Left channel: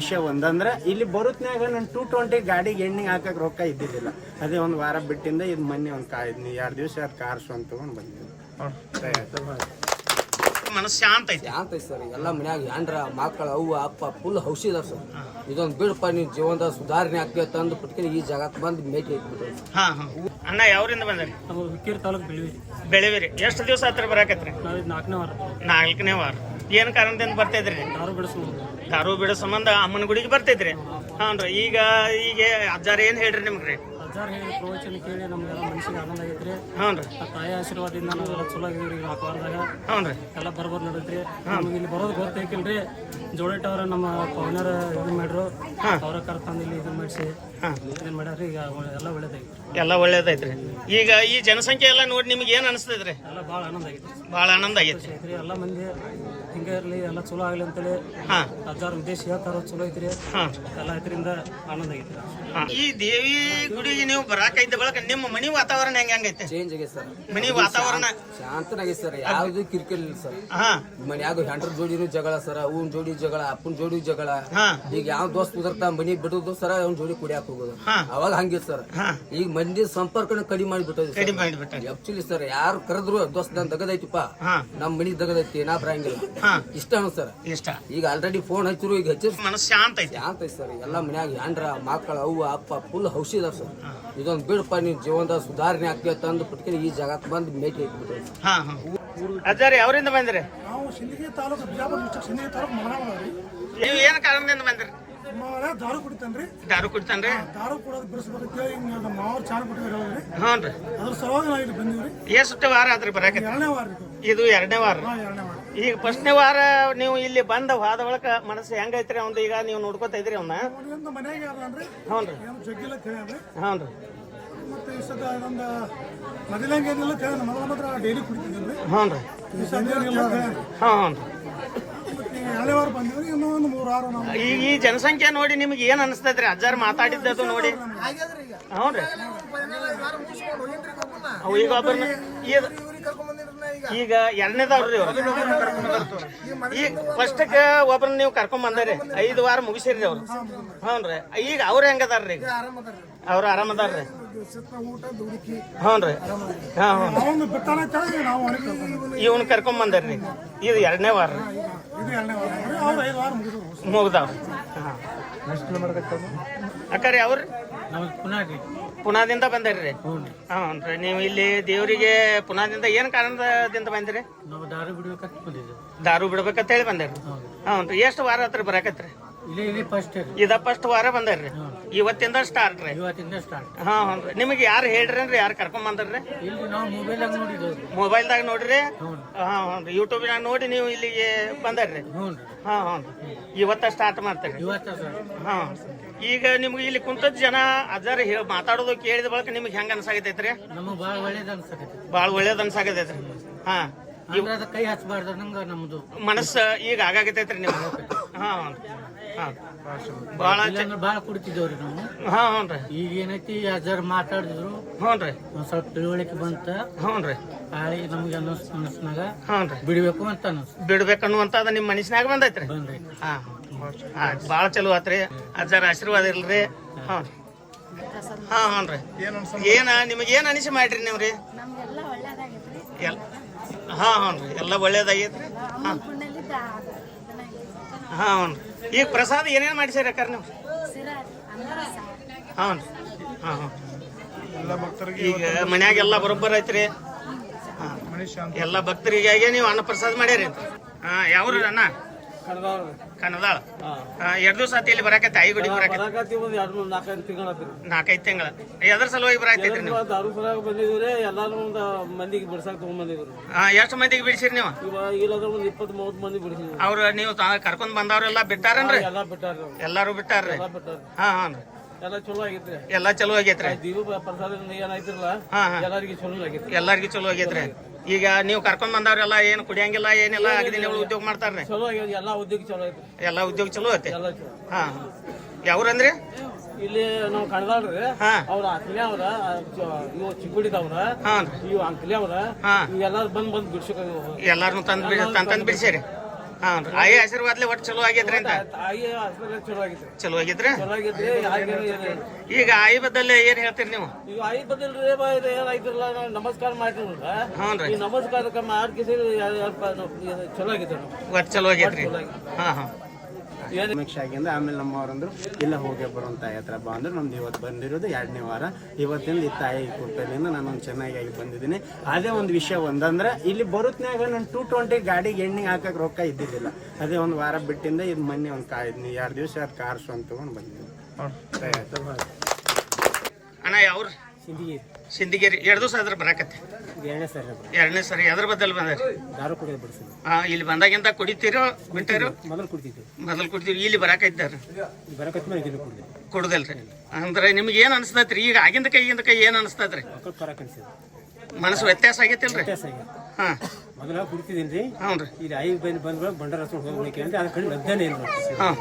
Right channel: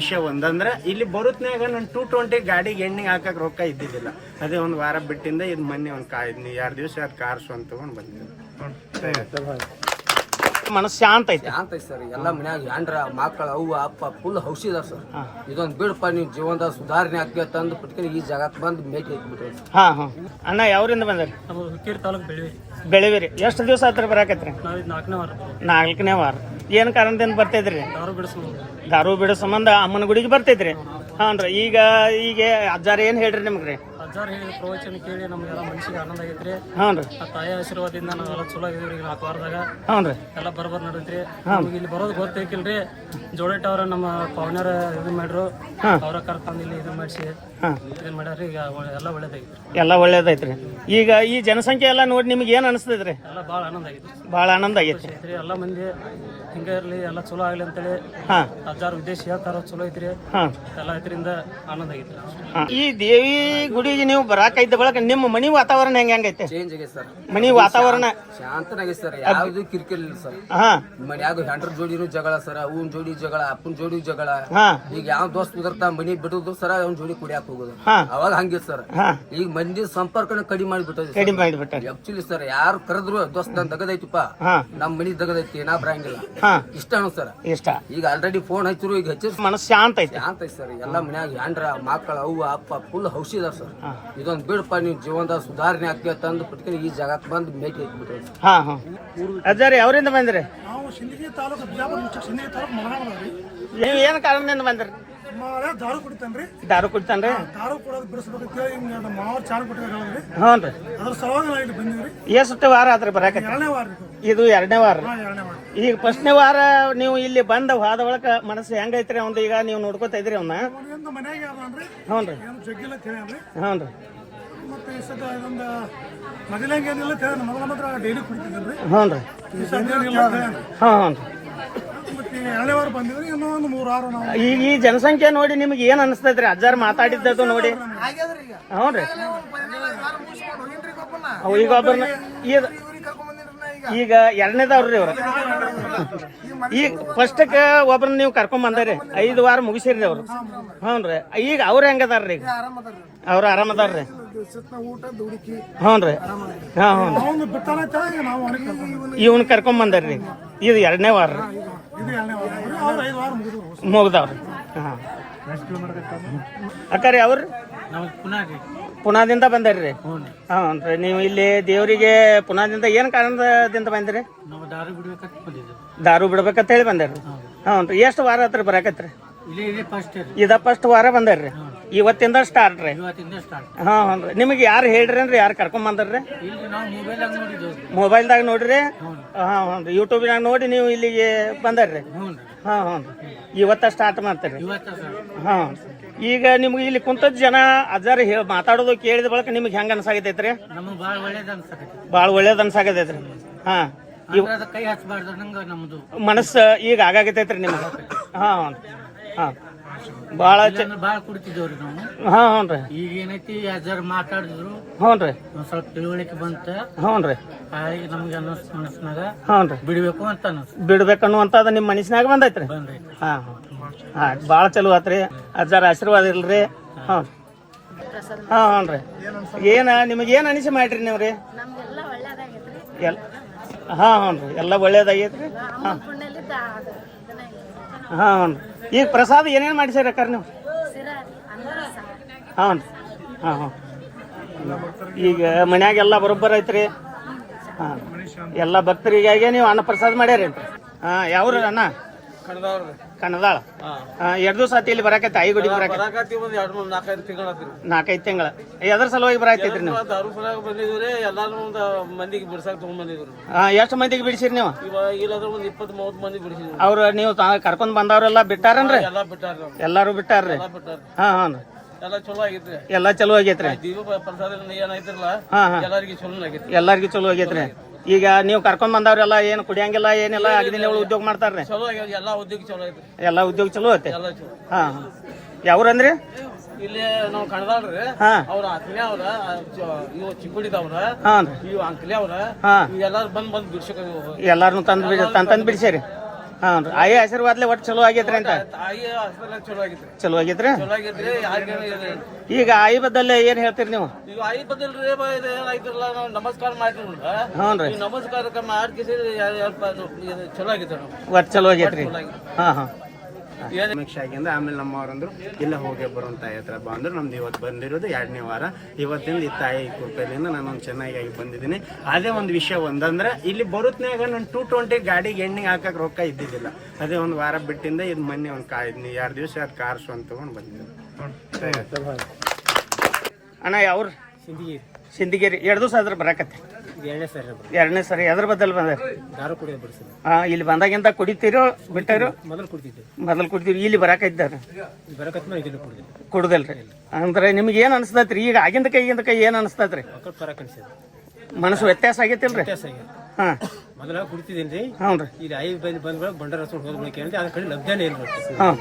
ವಿಷಯ ಒಂದಂದ್ರೆ ಇಲ್ಲಿ ಬರುತ್ನಾಗ ನಾನು 220 ಗಾಡಿಗೆ ಎಣ್ಣೆ ಹಾಕಕ್ ರೊಕ್ಕ ಇದ್ದಿದ್ದಿಲ್ಲ. ಅದೇ ಒಂದು ವಾರ ಬಿಟ್ಟಿಂದ ಇದು ಮೊನ್ನೆ ಒಂದು 2 ದಿವಸ ಅದು ಕಾರ್ಸು ಅಂತ ತಗೊಂಡು ಬಂದಿದ್ದೆ. ಮನಸ್ಸು ಶಾಂತ ಐತಿ ಸರ್. ಎಲ್ಲ ಮನ್ಯಾಗ ಹೆಂಡ್ರ ಮಕ್ಕಳ ಅವ್ವ ಅಪ್ಪ ಫುಲ್ ಹೌಸಿದಾರ ಸರ್. ಇದೊಂದು ಬಿಡಪ್ಪ ನೀವು ಜೀವನದ ಸುಧಾರಣೆ ಆಗ್ತೇ ತಂದು ಬಿಟ್ಕೊಂಡು ಈ ಜಾಗಕ್ಕೆ ಬಂದು ಭೇಟಿ ಹಾಕ್ಬಿಟ್ರಿ. ಅಣ್ಣ ಯಾವ್ರಿಂದ ಬಂದ್ರಿ? ಹುಕ್ಕೇರಿ ತಾಲೂಕು ಬೆಳಿವಿರಿ. ಎಷ್ಟು ದಿವಸ ಹತ್ರ ಬರಾಕತ್ರಿ? ನಾವು 4ನೇ ವಾರ. 4ನೇ ವಾರ. ಏನ್ ಕಾರಣದಿಂದ ಬರ್ತಿದ್ರಿ? ದಾರು ಬಿಡೋ ಸಂಬಂಧ ಅಮ್ಮನ ಗುಡಿಗೆ ಬರ್ತಿದ್ರಿ. ಹಾನ್ರಿ. ಈಗ ಅಜ್ಜಾರ ಏನ್ ಹೇಳ್ರಿ ನಿಮ್ಗ್ರಿ? ಅಜ್ಜಾರ ಹೇಳಿ ಪ್ರವಚನ ಕೇಳಿ ನಮ್ಗೆಲ್ಲ ಮನಸ್ಸಿಗೆ ಆನಂದ ಆಗೈತ್ರಿ. ಹಾನ್ರಿ. ಆ ತಾಯಿ ಆಶೀರ್ವಾದದಿಂದ ನಾವೆಲ್ಲ ಚಲೋ ಆಗಿದ್ರಿ. ಈಗ 4 ವಾರದಾಗ ಹಾನ್ರಿ ಎಲ್ಲ ಬರಬರ್ ನಡೀತ್ರಿ. ನಮ್ಗೆ ಇಲ್ಲಿ ಬರೋದು ಗೊತ್ತೈಕಿಲ್ರಿ. ಜೋಡೇಟ್ ಅವ್ರ ನಮ್ಮ ಪವನ್ಯಾರ ಇದನ್ ಮಾಡ್ರು. ಅವ್ರ ಕರ್ಕೊಂಡ್ ಇಲ್ಲಿ ಇದನ್ ಮಾಡಿಸಿ ಇದನ್ ಮಾಡ್ಯಾರ್ರಿ. ಈಗ ಎಲ್ಲ ಒಳ್ಳೇದಾಗಿತ್ರಿ. ಎಲ್ಲ ಒಳ್ಳೇದೈತ್ರಿ. ಈಗ ಈ ಜನಸಂಖ್ಯೆ ಎಲ್ಲ ನೋಡಿ ನಿಮ್ಗೆ ಏನ್ ಅನಿಸ್ತದ್ರಿ? ಎಲ್ಲ ಭಾಳ ಆನಂದ ಆಗೈತ್ರಿ. ಭಾಳ ಆನಂದ ಆಗೈತ್ರಿ. ಎಲ್ಲ ಮಂದಿ ಹಿಂಗ ಇರ್ಲಿ, ಎಲ್ಲ ಚಲೋ ಆಗ್ಲಿ ಅಂತೇಳಿ ಅಜ್ಜಾರ ಉದ್ದೇಶ ಹೇಳ್ತಾರ. ಚಲೋ ಐತ್ರಿ. ಎಲ್ಲ ಐತ್ರಿಂದ ಆನಂದ ಆಗೈತ್ರಿ. ಈ ದೇವಿ ಗುಡಿಗೆ ನೀವು ಬರಾಕೈದ ಬಳಕ ನಿಮ್ಮ ಮನಿ ವಾತಾವರಣ ಹೆಂಗೈತೆ? ಚೇಂಜ್ ಆಗೈತೆ ಸರ್. ಮನಿ ವಾತಾವರಣ ಶಾಂತನಾಗೈತೆ ಸರ್. ಯಾವ್ದು ಕಿರಿಕಿರಿ ಇಲ್ಲ ಸರ್. ಮನ್ಯಾಗ ಹೆಂಡ್ರ ಜೋಡಿನೂ ಜಗಳ ಸರ್. ಅವ್ನ ಜೋಡಿ ಜಗಳ, ಅಪ್ಪನ ಜೋಡಿ ಜಗಳ. ಈಗ ಯಾವ ದೋಸ್ತ್ ಉದರ್ತಾ ಮನಿ ಬಿಡುದು ಸರ್, ಅವ್ನ ಜೋಡಿ ಕುಡಿಯಾಕ ಹೋಗೋದು. ಅವಾಗ ಹಂಗಿತ್ತು ಸರ್. ಈಗ ಮಂದಿ ಸಂಪರ್ಕನ ಕಡಿಮೆ ಮಾಡಿಬಿಟ್ಟದ. ಆಕ್ಚುಲಿ ಸರ್, ಯಾರು ಕರೆದ್ರು ದೋಸ್ತ್ ನನ್ ದಗದೈತಿಪ್ಪ, ನಮ್ ಮನಿ ದಗದೈತಿ, ನಾ ಬರಂಗಿಲ್ಲ ಇಷ್ಟ ಸರ್. ಇಷ್ಟ ಈಗ ಆಲ್ರೆಡಿ ಫೋನ್ ಹಚ್ಚಿರು. ಈಗ ಹಚ್ಚಿರ್ ಮನಸ್ಸು ಶಾಂತ ಐತಿ. ಶಾಂತ ಐತಿ ಸರ್. ಎಲ್ಲ ಮನ್ಯಾಗ ಹೆಂಡ್ರ ಮಕ್ಕಳ ಅವ್ವ ಅಪ್ಪ ಫುಲ್ ಹೌಸಿದಾರ ಸರ್. ಇದೊಂದು ಬಿಡಪ್ಪ ನೀವು ಜೀವನದ ಸುಧಾರಣೆ ಆಗ್ತೇ ತಂದು ಬಿಟ್ಕೊಂಡು ಈ ಜಾಗಕ್ಕೆ ಬಂದು ಭೇಟಿ ಹಾಕ್ಬಿಟ್ರಿ. ಅಜ್ಜಾರಿ ಯಾವ್ರಿಂದ ಬಂದ್ರಿ? ನಾವು ಸಿಂದಗಿ ತಾಲೂಕು, ಬಿಜಾಪುರ ಡಿಸ್ಟ್ರಿಕ್ಟ್ ಸಿಂದಗಿ ತಾಲೂಕು ಮಗನಾಳರಿ. ನೀವು ಏನ್ ಕಾರಣದಿಂದ ಬಂದ್ರಿ? ದಾರು ಕುಡಿತಾನ್ರಿ. ದಾರು ಕುಡಿತಾನ್ರಿ. ದಾರು ಕೊಡೋದು ಬಿಡಿಸ್ಬೇಕಂತ ಹೇಳಿ ಹಿಂಗ ನಮ್ಮ ಮಾವ ಚಾರು ಕೊಟ್ಟಿದ್ರಿ. ಹ್ಞೂನ್ರಿ. ಅದ್ರ ಸಲುವಾಗಿ ನಾವು ಇಲ್ಲಿ ಬಂದಿವ್ರಿ. ಎಷ್ಟು ವಾರ ಆದ್ರಿ ಬರಾಕ? 2ನೇ ವಾರ. ಇದು 2ನೇ ವಾರ. 2ನೇ ವಾರ. ಈಗ 1ನೇ ವಾರ ನೀವು ಇಲ್ಲಿ ಬಂದ ಹೋದ ಒಳಕ ಮನಸ್ಸು ಹೆಂಗೈತ್ರಿ ಅವ್ನ? ಈಗ ನೀವು ನೋಡ್ಕೋತಾ ಇದ್ರಿ ಅವ್ನ? ಮನ್ಯಾಗ ಯಾವ್ದನ್ರಿ? ಹ್ಞೂನ್ರಿ. ಏನು ಜಗ್ಗಿಲ್ಲ ತಿಳಿಯನ್ರಿ. ಹ್ಞೂನ್ರಿ. ಮತ್ತೆ ಈ ಸದ ಇದೊಂದು ಮೊದಲಂಗೇನಿಲ್ಲ ತಿಳಿಯ. ಮೊದಲ ಮಾತ್ರ ಡೈಲಿ ಕುಡಿತಿದ್ದನ್ರಿ. ಹ್ಞೂನ್ರಿ. ಈ ಸದ ಏನಿಲ್ಲ ತಿಳಿಯನ್ರಿ. ಹ್ಞೂನ್ರಿ. ಮತ್ತೆ 2ನೇ ವಾರ ಬಂದಿವ್ರಿ. ಇನ್ನೂ ಒಂದು 3 ವಾರ ನಾವು. ಈ ಜನಸಂಖ್ಯೆ ನೋಡಿ ನಿಮ್ಗೆ ಏನ್ ಅನಿಸ್ತೈತ್ರಿ? ಅಜ್ಜಾರ್ ಮಾತಾಡಿದ್ದು ನೋಡಿ. ಹ್ಞೂನ್ರಿ. ಈಗ ಒಬ್ಬರನ್ನ ಈಗ 2ನೇದವ್ರಿ ಅವ್ರು. ಈಗ ಫಸ್ಟ್ಗೆ ಒಬ್ರನ್ನ ನೀವು ಕರ್ಕೊಂಡ್ ಬಂದ್ರಿ. 5 ವಾರ ಮುಗಿಸಿರ್ರಿ ಅವ್ರು. ಹ್ಞೂನ್ರಿ. ಈಗ ಅವ್ರ ಹೆಂಗದಾರ್ರಿ? ಈಗ ಅವ್ರ ಆರಾಮದಾರ್ರಿ. ಹ್ಞೂನ್ರಿ. ಇವನ್ ಕರ್ಕೊಂಡ್ ಬಂದಾರ್ರಿ. ಇದು 2ನೇ ವಾರ ಮುಗ್ದಾವ. ಅಕ್ಕಾರಿ ಅವ್ರು ಪುನಾದಿಂದ ಬಂದಾರ್ರಿ. ಹ್ಞೂನ್ರಿ. ನೀವು ಇಲ್ಲಿ ದೇವರಿಗೆ ಪುನಾದಿಂದ ಏನ್ ಕಾರಣದಿಂದ ಬಂದ್ರಿ? ದಾರು ಬಿಡ್ಬೇಕಂತ ಹೇಳಿ ಬಂದಾರ್ರಿ. ಹ್ಞೂನ್ರಿ. ಎಷ್ಟು ವಾರ ಹತ್ರ ಬರಾಕತ್ರಿ? ಇದ ಫಸ್ಟ್ ವಾರ ಬಂದಾರ್ರಿ. ಇವತ್ತಿಂದ ಸ್ಟಾರ್ಟ್ ರೀ? ಹ್ಞೂನ್ರಿ. ನಿಮಗೆ ಯಾರು ಹೇಳ್ರಿ? ಯಾರು ಕರ್ಕೊಂಡ್ ಬಂದಾರ್ರಿ? ಮೊಬೈಲ್ದಾಗ ನೋಡ್ರಿ? ಹ್ಞೂನ್ರಿ. ಯೂಟ್ಯೂಬ್ನಾಗ ನೋಡಿ ನೀವು ಇಲ್ಲಿಗೆ ಬಂದಾರ್ರಿ? ಹ್ಞೂನ್ರಿ. ಇವತ್ತ ಸ್ಟಾರ್ಟ್ ಮಾಡ್ತೀರಿ? ಈಗ ನಿಮ್ಗೆ ಇಲ್ಲಿ ಕುಂತದ್ ಜನ ಅಜ್ಜಾರ ಮಾತಾಡೋದು ಕೇಳಿದ ಬಳಕ ನಿಮ್ಗೆ ಹೆಂಗ ಅನ್ಸಾಗತೈತ್ರಿ? ಬಾಳ ಒಳ್ಳೇದ್ ಅನ್ಸಾಗತೈತ್ರಿ. ಕೈ ಹಚ್ಚಬಾರ್ದು ನಂಗ ನಮ್ದು ಮನಸ್ಸು ಈಗ ಆಗಾಗತೈತ್ರಿ ನಿಮ್ಗೆ? ಬಾಳ ಕುಡಿತಿದ್ದೇವ್ರಿ ನಾವು. ಹ್ಞೂನ್ರಿ. ಈಗ ಏನೈತಿ ಅಜ್ಜಾರ್ ಮಾತಾಡಿದ್ರು. ಹ್ಞೂನ್ರಿ. ಒಂದ್ ಸ್ವಲ್ಪ ತಿಳುವಳಿಕೆ ಬಂತ. ಹ್ಞೂನ್ರಿ. ನಮ್ಗೆ ಮನಸ್ಸಿನಾಗ ಹ್ಞೂನ್ರಿ ಬಿಡ್ಬೇಕು ಅಂತ ಬಿಡ್ಬೇಕನ್ನುವಂತದ ನಿಮ್ ಮನಸ್ಸಿನಾಗ ಬಂದೈತ್ರಿ? ಬಾಳ ಚಲೋ ಆತ್ರಿ. ಅಜ್ಜಾರ ಆಶೀರ್ವಾದ ಇಲ್ರಿ. ಹ್ಞೂನ್ರಿ. ಏನ ನಿಮಗೆ ಏನ್ ಅನಿಸಿ ಮಾಡ್ರಿ ನೀವ್ರಿ? ಹ್ಞೂನ್ರಿ. ಎಲ್ಲ ಒಳ್ಳೇದಾಗೈತ್ರಿ. ಹ್ಞೂನ್ರಿ. ಈಗ ಪ್ರಸಾದ ಏನೇನ್ ಮಾಡಿಸಿರಿ ಅಕ್ಕಾರ ನೀವು? ಹ್ಞೂನ್ರಿ. ಈಗ ಮನ್ಯಾಗೆಲ್ಲ ಬರೋಬ್ಬರ ಐತ್ರಿ? ಎಲ್ಲ ಭಕ್ತರಿಗಾಗಿ ನೀವು ಅನ್ನ ಪ್ರಸಾದ ಮಾಡ್ಯಾರಿ? ಯಾವ್ರ ಅಣ್ಣ? ಕಣದಾಳ. 2 ದಿವಸ ಆತಿ ಇಲ್ಲಿ ಬರಾಕತ್ತಿ? ಐ ಗುಡಿ ಬರಾಕತ್ತಿ? 4-5 ತಿಂಗಳ. ಎದ್ರ ಸಲುವಾಗಿ ಬರಾಕೈತ್ರಿ ನೀವು? ಎಲ್ಲಾರು ಮಂದಿಗೆ ಬಿಡ್ಸಾಕ ತಗೊಂಡ್ ಬಂದಿದ್ರು. ಎಷ್ಟು ಮಂದಿಗೆ ಬಿಡಿಸಿರಿ ನೀವು? ಇಲ್ಲಾಂದ್ರೆ 20-30 ಮಂದಿ ಬಿಡಿಸಿದ್ರು. ಅವ್ರ ನೀವು ಕರ್ಕೊಂಡ್ ಬಂದವ್ರೆಲ್ಲ ಬಿಟ್ಟಾರನ್ರಿ? ಎಲ್ಲಾರು ಬಿಟ್ಟಾರ್ರಿ? ಎಲ್ಲ ಚಲೋ ಆಗೈತ್ರಿ. ಎಲ್ಲ ಚಲೋ ಆಗೈತ್ರಿ. ದೀಪ ಪ್ರಸಾದ ಏನೈತಿರಲ್ಲ ಎಲ್ಲಾರ್ಗಿ ಚಲೋ ಆಗೈತ್ರಿ. ಎಲ್ಲಾರ್ಗಿ ಚಲೋ ಆಗೈತ್ರಿ. ಈಗ ನೀವು ಕರ್ಕೊಂಡ್ ಬಂದವ್ರೆಲ್ಲ ಏನು ಕುಡಿಯಂಗಿಲ್ಲ ಏನಿಲ್ಲ ಅಗದಿ ಉದ್ಯೋಗ ಮಾಡ್ತಾರ್ರಿ? ಚಲೋ ಆಗ್ಯಾವ. ಎಲ್ಲಾ ಉದ್ಯೋಗ ಚಲೋ ಐತ್ರಿ. ಎಲ್ಲಾ ಉದ್ಯೋಗ ಚಲೋ ಐತಿ. ಯಾವ್ರಂದ್ರಿ? ಇಲ್ಲಿ ನಾವು ಕಣದಾಳ್ರಿ. ಅವ್ರ ಅತ್ನೆ ಅವ್ರ, ಇವ್ ಚಿಕ್ಕುಡಿದವ್ರ, ಇವ್ ಅಂಕಲಿ ಅವ್ರ, ಎಲ್ಲಾರು ಬಂದ್ ಬಿಡ್ಸಕ ಎಲ್ಲಾರು ತಂದ್ ಬಿಡ್ಸೇರಿ? ಹಾಂ ರೀ ಆಯಿ ಆಶೀರ್ವಾದ್ಲೆ ಒಟ್ಟು ಚಲೋ ಆಗೈತ್ರಿ ಅಂತ ತಾಯಿ ಹಾಸ್ಪಿಟಲ್ ಚಲೋ ಆಗಿತ್ತು ಚಲೋ ಆಗೈತ್ರಿ ಚಲೋ ಆಗಿದ್ರಿ ಈಗ ಆಯಿ ಬದ್ದಲ್ಲ ಏನ್ ಹೇಳ್ತೀರಿ ನೀವು ಈಗ ಐದು ಬದಲ್ರಿ ಏನಾಯ್ತಿರಲ್ಲ ನಾವು ನಮಸ್ಕಾರ ಮಾಡ್ತೀವಿ ಹ್ಞೂ ರೀ ಈ ನಮಸ್ಕಾರ ಮಾಡ್ಕಿಸಿ ಚಲೋ ಆಗಿತ್ತು ಒಟ್ಟು ಚಲೋ ಆಗೈತ್ರಿ ಹಾಂ ಹಾಂ ಸಮೀಕ್ಷೆ ಆಗಿಂದ ಆಮೇಲೆ ನಮ್ಮವರಂದ್ರು ಇಲ್ಲ ಹೋಗಿ ಬರುವಂತ ತಾಯಿ ಹತ್ರ ಬಾ ಅಂದ್ರೆ ನಮ್ದು ಇವತ್ತು ಬಂದಿರೋದು 2ನೇ ವಾರ. ಇವತ್ತಿಂದ ಈ ತಾಯಿ ಕೃಪೆಯಿಂದ ನಾನೊಂದು ಚೆನ್ನಾಗಿ ಬಂದಿದ್ದೀನಿ. ಅದೇ ಒಂದು ವಿಷಯ ಒಂದಂದ್ರೆ ಇಲ್ಲಿ ಬರುತ್ನ್ಯಾಗ ನಾನು 220 ಗಾಡಿಗೆ ಎಣ್ಣೆ ಹಾಕಕ್ ರೊಕ್ಕ ಇದ್ದಿದ್ದಿಲ್ಲ. ಅದೇ ಒಂದು ವಾರ ಬಿಟ್ಟಿಂದ ಇದು ಮೊನ್ನೆ ಒಂದು 2 ದಿವಸ ಅದು ಕಾರ್ ಸ್ವಂತ ತಗೊಂಡು ಬಂದಿದ್ದೀನಿ. ಅಣ್ಣ ಯಾವ್ರು ಸಿಂಧಿಗೇರಿ 2 ದಿವಸ ಆದ್ರೆ ಬರಾಕತ್ತೆ 2ನೇ ಸರಿ ಎದ್ರ ಬದಲ್ ಬಂದ್ರಿ ದಾರು ಕುಡಿಯೋದು ಬಿಡಿಸಿಲ್ಲ. ಇಲ್ಲಿ ಬಂದಾಗಿಂದ ಕುಡಿತೀರೋ ಬಿಟ್ಟಿರೋ ಮೊದಲು ಕುಡ್ತಿದ್ದೆ, ಮೊದಲು ಕುಡ್ತೀವಿ ಇಲ್ಲಿ ಬರಾಕೈತಾರ ಬರಕತ್ ಮೇಲೆ ಇದನ್ನು ಕುಡಿದ್ದೆ. ಕುಡ್ದಲ್ರಿ ಅಂದ್ರೆ ನಿಮ್ಗೆ ಏನ್ ಅನ್ಸ್ತೈತ್ರಿ ಈಗ ಆಗಿಂದ ಕೈ ಏನ್ ಅನ್ಸ್ತೈತ್ರಿ ಮಕ್ಕಳು ಪರಕ್ ಅನ್ಸಿದ್ರು, ಮನಸ್ಸು ವ್ಯತ್ಯಾಸ ಆಗೈತಿಲ್ರಿ ವ್ಯತ್ಯಾಸ ಆಗಿದೆ. ಹಾ ಮೊದಲ ಕುಡಿತಿದ್ದೀನಿ ರೀ, ಹ್ಞೂ ರೀ ಇದು ಬಂದ್ಗಳು ಬಂಡಾರ ಹಚ್ಕೊಂಡು ಹೋಗ್ಬೇಕು ಅಂದ್ರೆ ಅದ್ರ ಕಡೆ ಲಭ್ಯನೇ ಇಲ್ಲ. ಹಾಂ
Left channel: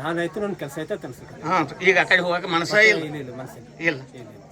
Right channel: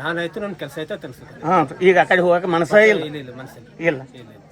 ನಾನಾಯ್ತು ನನ್ನ ಕೆಲಸ ಆಯ್ತು ಅನ್ಸುತ್ತೆ. ಹಾಂ ಈಗ ಆ ಕಡೆ ಹೋಗಕ್ಕೆ ಮನಸ್ಸೇ ಇಲ್ಲ ಇಲ್ಲ ಮನಸ್ಸಿಲ್ಲ ಇಲ್ಲ ಇಲ್ಲ.